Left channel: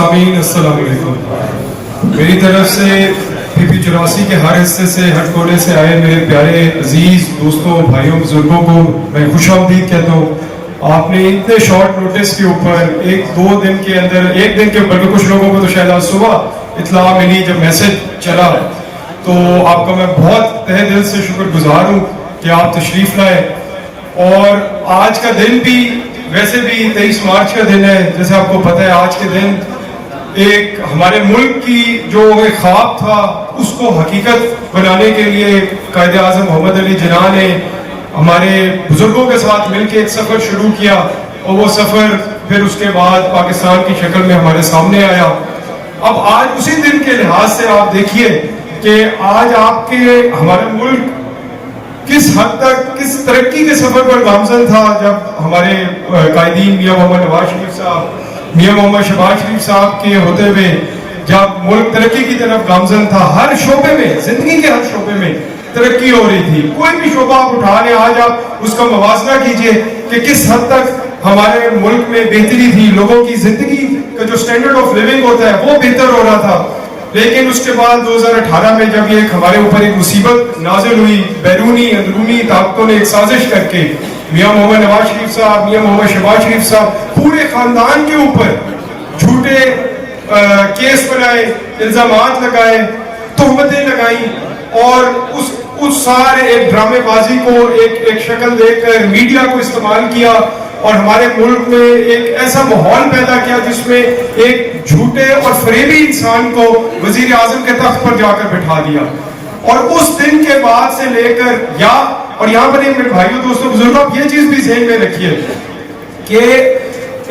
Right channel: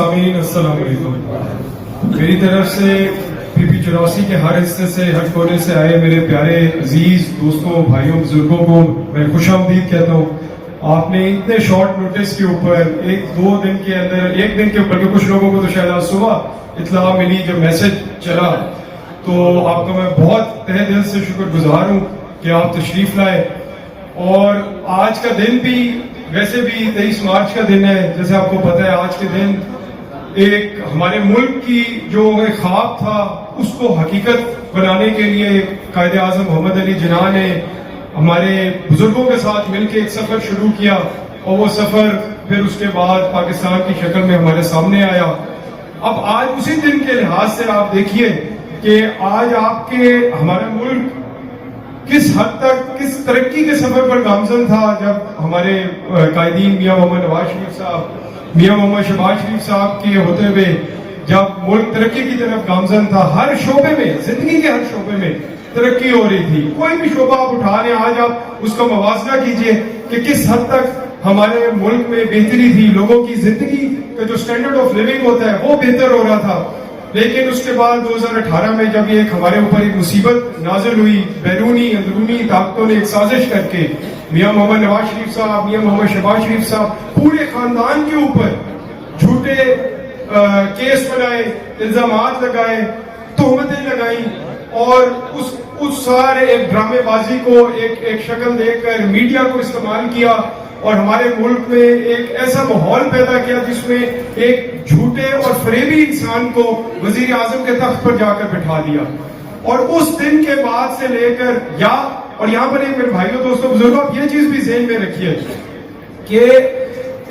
सामीन अस्सलाम वालेकुम। मेरी तरफ से PP84 के हर हिस्से से, हर कोने से आए मेरे प्यारे अजीज दोस्तों, भाइयों, बुजुर्गों को मैं खुशामदीद कहता हूँ। आपने इतने शॉर्ट नोटिस के ऊपर एक दिन के ऊपर, कुछ लोगों को तो शायद आज सुबह इत्तला मिली जब मैसेज चला, तो आपका मैं बहुत तहे दिल से शुक्रगुजार हूँ कि आप तशरीफ लाए। और आज का दिन भी वैसे भी 23 मार्च का दिन है, जैसे आपको पता है। आज के दिन एक हमारे मुल्क की जो एक ख्वाब था उसको हकीकत बनाने के लिए कायदे आज़म मोहम्मद अली जिन्ना ने हमारे बुजुर्गों के साथ मिलकर एक सफ़र शुरू किया, और वो सफ़र फिर उसके बाद पाकिस्तान की शक्ल में हमारे सामने आया। अब आज उसी दिन के लिहाज से आप देखिए कि आज हमारा मुल्क किस हद तक, किस तरक्की के सफर पर गामजन था, जब हमारे कायदीन मियां मोहम्मद नवाज शरीफ साहब, मियां मोहम्मद शहबाज शरीफ साहब के होते हुए जब मुल्क तरक्की की तरफ गामजन था। हर शोबे में, जिंदगी के हर शोबे में तरक्की हो रही थी। कोई भी शोबा आप उठा रहे, आज आप उसका मुवाजना कीजिए कि किस हद तक हमारे मुल्क में बेहतरी थी, लोगों की जिंदगी का जो स्टैंडर्ड ऑफ लिविंग होता है वो बेहतर हो रहा था। लेकिन उसके बाद 2018 में जब ये हमारे ऊपर एक मुसीबत नाजिल हुई, बैरूनी अंदरूनी ताकतों ने एक साजिश करके मियां मोहम्मद नवाज शरीफ साहब, मियां मोहम्मद शहबाज शरीफ साहब, पूरे खानदान के ऊपर झूठे केस बनाए, इल्जामात लगाए, तोहमतें लगाई, और उस सारे एक ड्रामेबाजी को एक शक्ल देकर मीडिया को इस्तेमाल किया, और हमारे मुल्क में एक ऐसा माहौल पैदा किया जिसमें एक झूठे और फरेबी इंसान को वजीर आजम के तख्त पर जाकर बैठा दिया। और उस दिन के बाद से लेकर और यहाँ पर मेरे भाइयों, दोस्तों, बुजुर्गों, आप ये चीज भी ज़हन में रखिए कि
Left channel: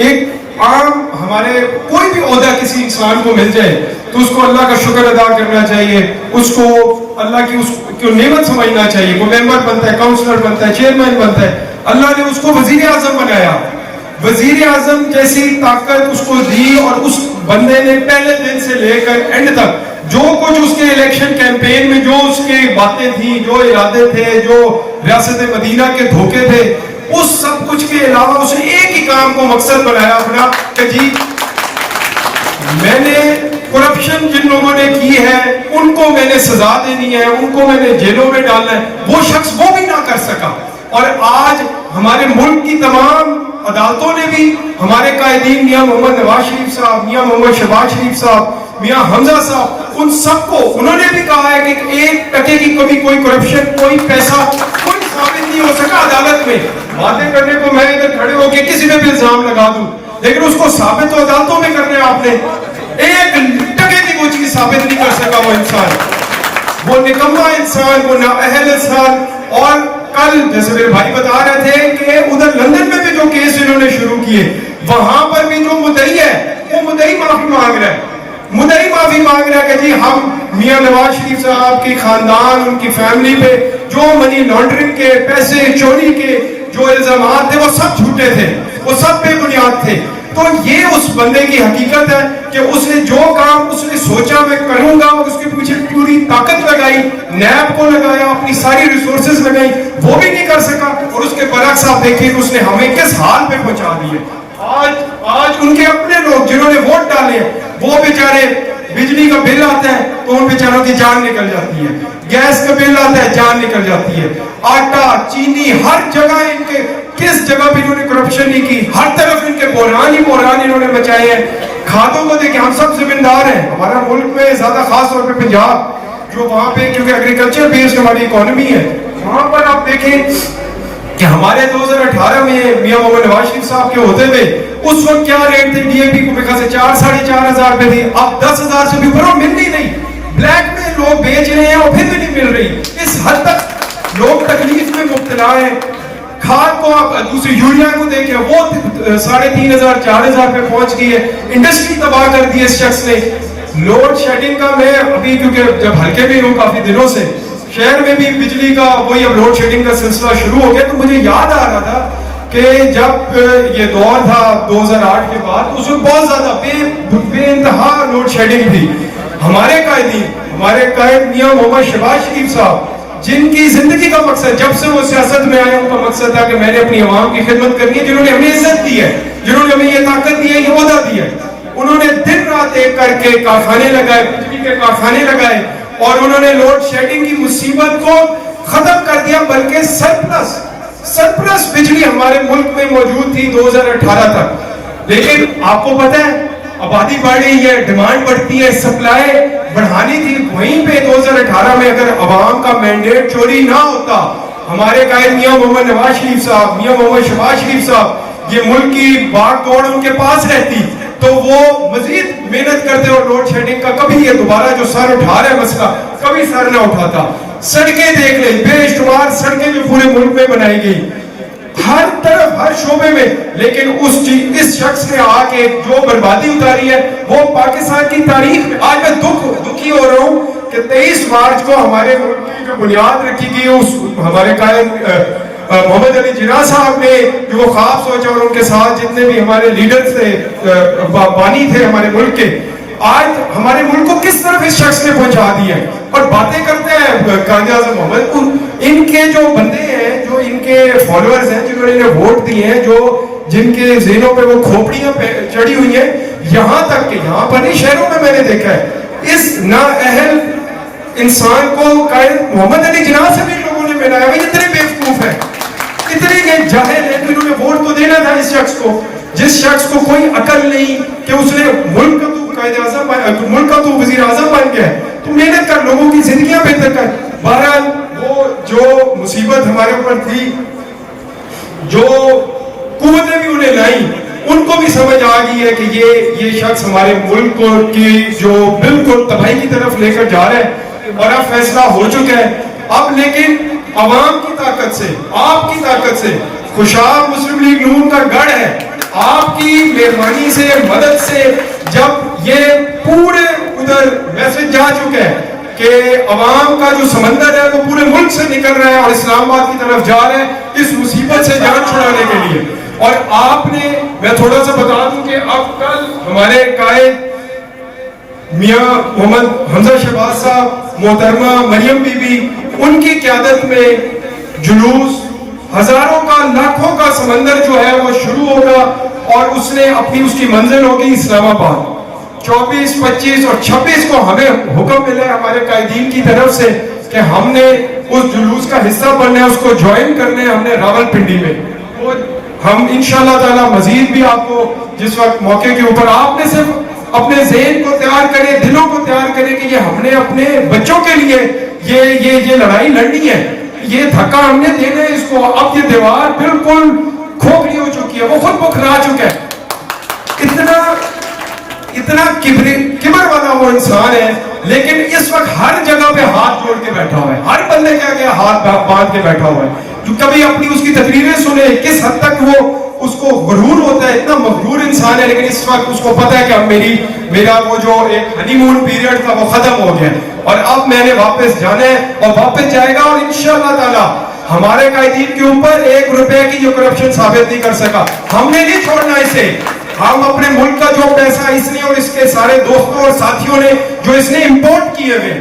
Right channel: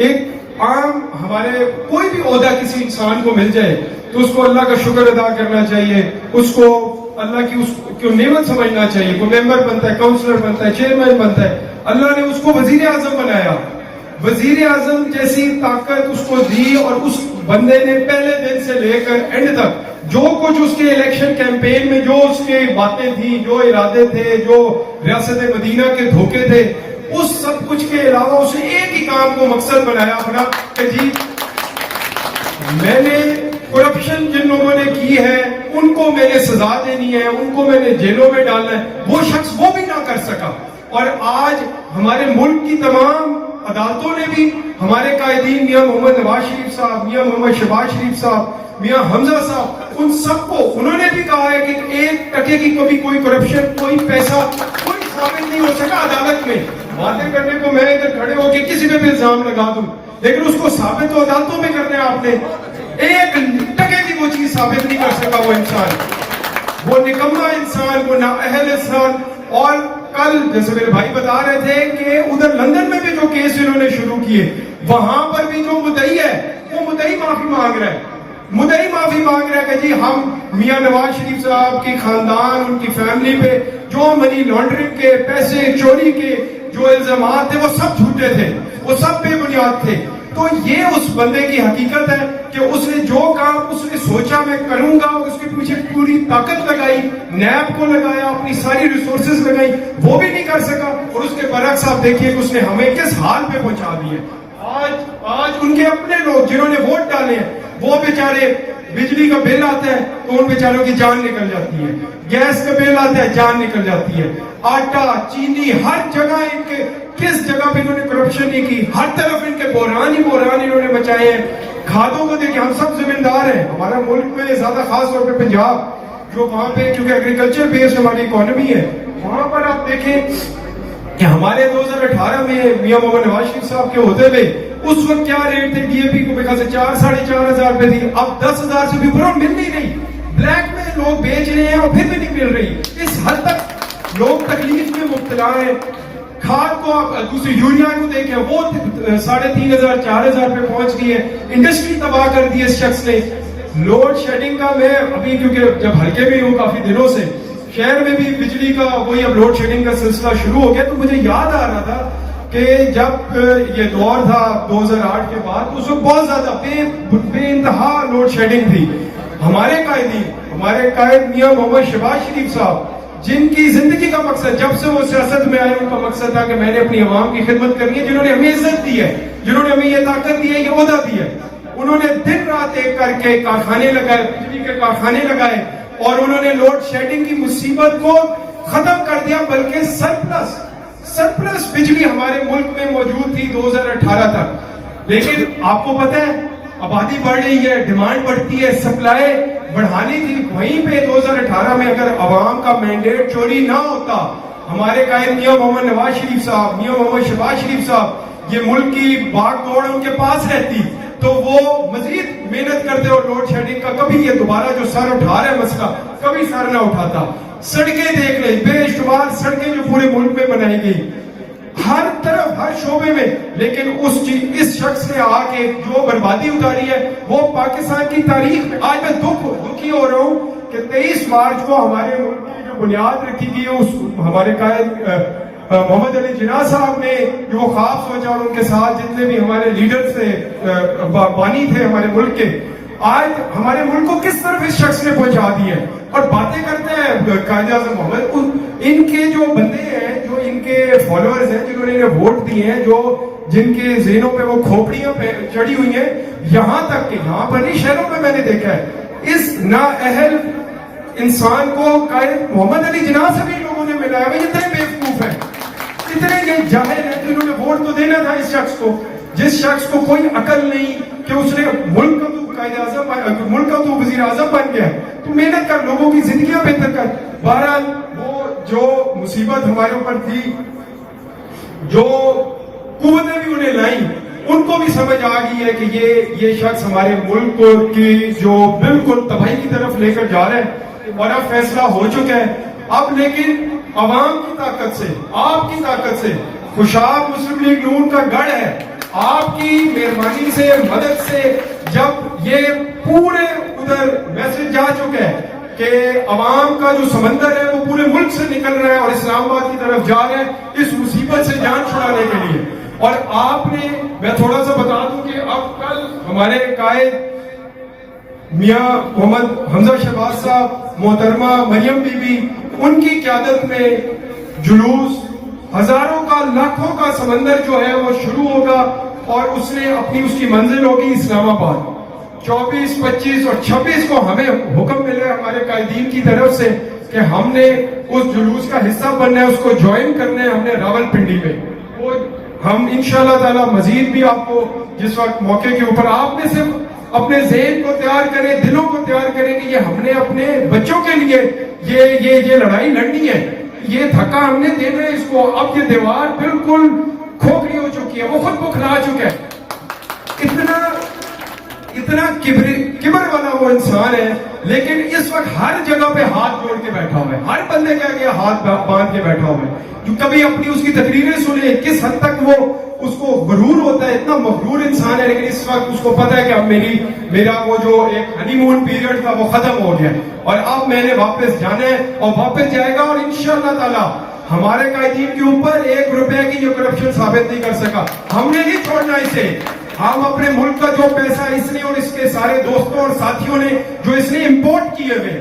एक आम हमारे कोई भी ओहदा किसी इंसान को मिल जाए तो उसको अल्लाह का शुक्र अदा करना चाहिए, उसको अल्लाह की उसको नेमत समझना चाहिए। वो मेंबर बनता है, काउंसलर बनता है, चेयरमैन बनता है, अल्लाह ने उसको वजीर आजम बनाया, वजीर आजम जैसी ताकत उसको दी, और उस बंदे ने पहले दिन से लेकर एंड तक जो कुछ उसके इलेक्शन कैंपेन में जो उसके बातें थी, जो इरादे थे, जो रियासत मदीना के धोखे थे, उस सब कुछ के अलावा उसने एक ही काम को मकसद बनाया अपना कि जी मैंने करप्शन जिन लोगों ने की है उनको मैंने सजा देनी है, उनको मैंने जेलों में डालना है। वो शख्स वो भी ना कर सका, और आज हमारे मुल्क की तमाम अदालतों ने भी हमारे कायदीन मियां मोहम्मद नवाज शरीफ साहब, मियां मोहम्मद शहबाज शरीफ साहब, मियां हमजा साहब, उन सबको उन्होंने भी कहा है कि 1% की कभी कोई करप्शन, कोई पैसा, कोई साबित नहीं हो सका अदालत में। बातें करने को मैं इधर खड़े होकर किसी पे भी इल्जाम लगा दूं, लेकिन उसको साबित तो अदालतों में करना है आपने। 1% की कोई चीज साबित नहीं कर सका वो इंसान, वो निकम्मा इंसान, वो नाअहल इंसान। और कल जैसे मेरे भाई बता रहे थे कि उधर लंदन में भी जो केस इन्होंने शुरू किए, वहां पर भी जो मुद्दई है वो मुद्दई माफी मांग रहा है, मुद्दई माफी मांग रहा है कि जी हम मियां नवाज शरीफ साहब की खानदान, उनकी फैमिली पे जो मनी लॉन्ड्रिंग के, पैसे चोरी के जो इल्जामात थे वो सब झूठे थे, वो सब बेबुनियाद थे। तो ये उस बंदे की हकीकत है कि उसने जो काम उसने सोचा मैं करूंगा, और उसके पीछे पूरी ताकत लगाई, नैब को लगाया, अपनी सारी रिसोर्सेज लगाई, वो भी नहीं कर सका। और उसके बरक्स आप देखिए कि उसने हमें किस हाल पे पहुंचा दिए। आज उनके अपने लोग जिन्होंने वोट डाले वो बेचारे, बिजली का बिल आता है तो उन बेचारों की जान निकल जाती है, गैस का बिल आता है जान निकल जाती है, आटा चीनी हर जगह इनके, किस जगह भी इन्होंने करप्शन नहीं की, हर तरफ इनके बोरान ही बोरान इन्होंने मचाए हैं। खादों को देखिए, हम सब जिम्मेदार हैं, हमारा मुल्क में ज्यादा खास तौर पे पंजाब, जो वहां पे क्योंकि एग्रीकल्चर बेस्ड हमारी इकोनॉमी है, वहां पर आप देखें कि हमारे 2018 में मियां मोहम्मद नवाज शरीफ साहब के होते हुए उस वक्त क्या रेट थे डीएपी को, मेरे से 4-4.5 रुपए थी, अब 10,000 से भी ऊपर मिल नहीं रही, ब्लैक में लोग बेच रहे हैं और फिर भी नहीं मिल रही। इस हद तक लोग तकलीफ में मुब्तला है। खाद को आप दूसरी यूरिया को देखें, वो 3,500-4,000 पे पहुंच गई है। इंडस्ट्री तबाह कर दी है इस शख्स ने। लोड शेडिंग का मैं अभी, क्योंकि जब हल्के में हूँ काफी दिनों से, शहर में भी बिजली का वही अब लोड शेडिंग का सिलसिला शुरू हो गया, तो मुझे याद आ रहा था कि जब ये दौर था 2008 के बाद, उसमें बहुत ज्यादा बेइंतहा लोड शेडिंग थी। हमारे कायद मियां मोहम्मद शहबाज शरीफ साहब, जिनकी जिंदगी का मकसद जब से वो सियासत में आए उनका मकसद था कि मैंने अपनी आवाम की खिदमत करनी है, जिन्होंने हमें इज्जत दी है, जिन्होंने हमें ये ताकत दी है, ये ओहदा दी है, انہوں نے دن رات ایک کر کے کارخانے لگائے, بجلی کے کارخانے لگائے, اور انہوں نے لوڈ شیڈنگ کی مصیبت کو ختم کر دیا, بلکہ سرپلس بجلی ہمارے ملک میں موجود تھی 2018 تک. لیکن آپ کو پتہ ہے آبادی بڑھ رہی ہے, ڈیمانڈ بڑھتی ہے, سپلائی بڑھانی تھی. وہیں پہ 2018 میں اگر عوام کا مینڈیٹ چوری نہ ہوتا, ہمارے قائد میاں محمد نواز شریف صاحب, میاں محمد شہباز شریف صاحب, یہ ملک کی باغ دوڑ ان کے پاس رہتی تو وہ مزید محنت کرتے اور لوڈ شیڈنگ کا کبھی یہ دوبارہ جو سر اٹھا رہا ہے مسئلہ کبھی سر نہ اٹھاتا. سڑکیں دیکھ لیں, بے شمار سڑکیں جو پورے ملک میں بنائی گئی, ہر طرف ہر شعبے میں, لیکن اس شخص نے آ کے جو بربادی اتاری ہے وہ پاکستان کی تاریخ میں. آج میں دکھی ہو رہا ہوں کہ 23 مارچ کو ہمارے ملک کی جو بنیاد رکھی گئی اس ہمارے قائد محمد علی جناح صاحب نے جو وہ خواب سوچا, اور ان کے ساتھ جتنے بھی ہمارے لیڈرز تھے, بانی تھے ہمارے ملک کے, آج ہمارے ملک کو کس طرف اس شخص نے پہنچا دیا ہے. اور باتیں کرتے ہیں قائد اعظم محمد, ان کے جو بندے ہیں, جو ان کے فالوورز ہیں, جنہوں نے انہیں ووٹ دیے ہیں, جو جن کے ذہنوں پہ وہ کھوپڑیاں چڑھی ہوئی ہیں, یہاں تک کہ یہاں پر نہیں شہروں میں نے دیکھا ہے, اس نااہل انسان کو قائد محمد علی جناح سے بھی لوگوں نے ملایا. یہ اتنے بیوقوف ہیں, اتنے جاہل ہیں کہ انہوں نے ووٹ تو دینا تھا اس شخص کو, جس شخص کو کوئی عقل نہیں کہ اس نے ملک کا تو قائد اعظم, ملک کا تو وزیر اعظم بن گیا ہے, تو محنت کر, لوگوں کی زندگیاں بہتر کر. بہرحال وہ جو مصیبت ہمارے اوپر تھی, جو قوتیں بھی انہیں لائیں, ان کو بھی سمجھ آ گئی ہے کہ یہ شخص ہمارے ملک کو کی جو بالکل تباہی کی طرف لے کر جا رہا ہے. ہمارا فیصلہ ہو چکا ہے اب, لیکن عوام کی طاقت سے, آپ کی طاقت سے, خوشحال مسلم لیگ نون کا گڑھ ہے, آپ کی مہربانی سے, مدد سے, جب یہ پورے ادھر میسج جا چکا ہے کہ عوام کا جو سمندر ہے وہ پورے ملک سے نکل رہا ہے اور اسلام آباد کی طرف جا رہا ہے اس مصیبت سے جان چھڑانے کے لیے. اور آپ نے, میں تھوڑا سا بتا دوں کہ اب کل ہمارے قائد میاں محمد حمزہ شہباز صاحب, محترمہ مریم بی بی, ان کی قیادت میں جلوس, ہزاروں کا, لاکھوں کا سمندر جو ہے وہ شروع ہوگا, اور اس کی منزل ہوگی اسلام آباد. 24, 25 اور 26 کو ہمیں حکم ملے ہمارے قائدین کی طرف سے کہ ہم نے اس جلوس کا حصہ بننا ہے, اس کو جوائن کرنے ہم نے راول پنڈی میں. ہم انشاءاللہ تعالی مزید بھی آپ کو جس وقت موقع کے اوپر, آپ نے صرف اپنے ذہن کو تیار کرے, دلوں کو تیار کرے کہ یہ ہم نے اپنے بچوں کے لیے یہ لڑائی لڑنی ہے, یہ دھکا ہم نے دینا ہے اس کو. اب یہ دیوار بالکل کھوکھلی ہو چکی ہے, وہ خود بکھرا چکا ہے. اتنا کبر والا وہ انسان ہے, لیکن اس وقت ہر جگہ پہ ہاتھ جوڑ کے بیٹھا ہوا ہے, ہر بندے کے آگے ہاتھ باندھ کے بیٹھا ہوا ہے. جو کبھی اپنی اس کی تقریریں سنے, کس حد تک وہ اس کو غرور ہوتا ہے, اتنا مغرور انسان ہے, لیکن اس وقت اس کو پتا ہے کہ اب میرا وہ جو ایک ہنی مون پیریڈ تھا وہ ختم ہو گیا, اور اب میں نے واپس جانا ہے, اور واپس جائے گا. اور انشاءاللہ تعالی ہمارے قائدین کے اوپر 1 روپے کی جو کرپشن ثابت نہیں کر سکا. ہم نے نہیں چھوڑنا اسے. ہم اپنے ملک کا جو پیسہ اس نے اور اس کے سارے دوستوں اور ساتھیوں نے جو اس نے امپورٹ کیے ہوئے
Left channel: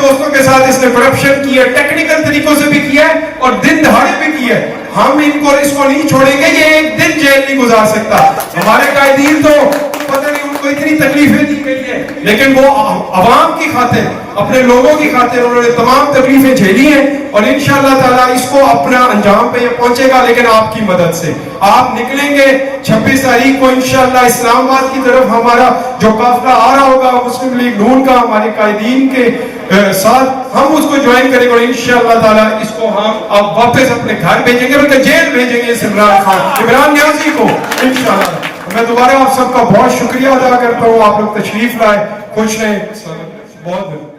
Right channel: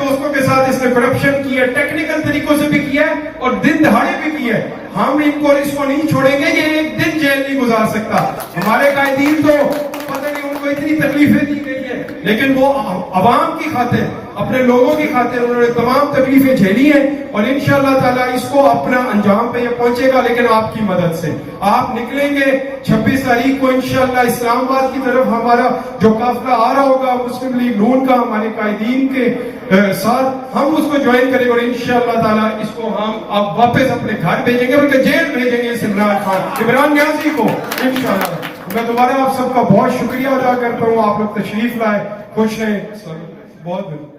دوستوں کے ساتھ اس نے کرپشن کی ہے, ٹیکنیکل طریقوں سے بھی کیا ہے اور دن دہاڑے بھی کیا ہے. ہم اس کو نہیں چھوڑیں گے, یہ ایک دن جیل نہیں گزار سکتا. ہمارے قائدین تو پتہ نہیں ان کو اتنی تکلیفیں دی گئی ہیں, لیکن وہ عوام کی خاطر, اپنے لوگوں کی خاطر انہوں نے تمام تکلیفیں جھیلی ہیں, اور انشاءاللہ تعالی اس کو اپنا انجام پہ یہ پہنچے گا, لیکن آپ کی مدد سے. آپ نکلیں گے 26 تاریخ کو انشاءاللہ اسلام آباد کی طرف, ہمارا جو قافلہ آ رہا ہوگا مسلم لیگ نون کا ہمارے قائدین کے ساتھ, ہم اس کو جوائن کریں گے, اور انشاءاللہ تعالی اس کو ہم اب واپس اپنے گھر بھیجیں گے, بلکہ جیل بھیجیں گے عمران نیازی کو انشاءاللہ. میں دوبارہ آپ سب کا بہت شکریہ ادا کرتا ہوں, آپ لوگ تشریف لائے, خوش رہیں, بہت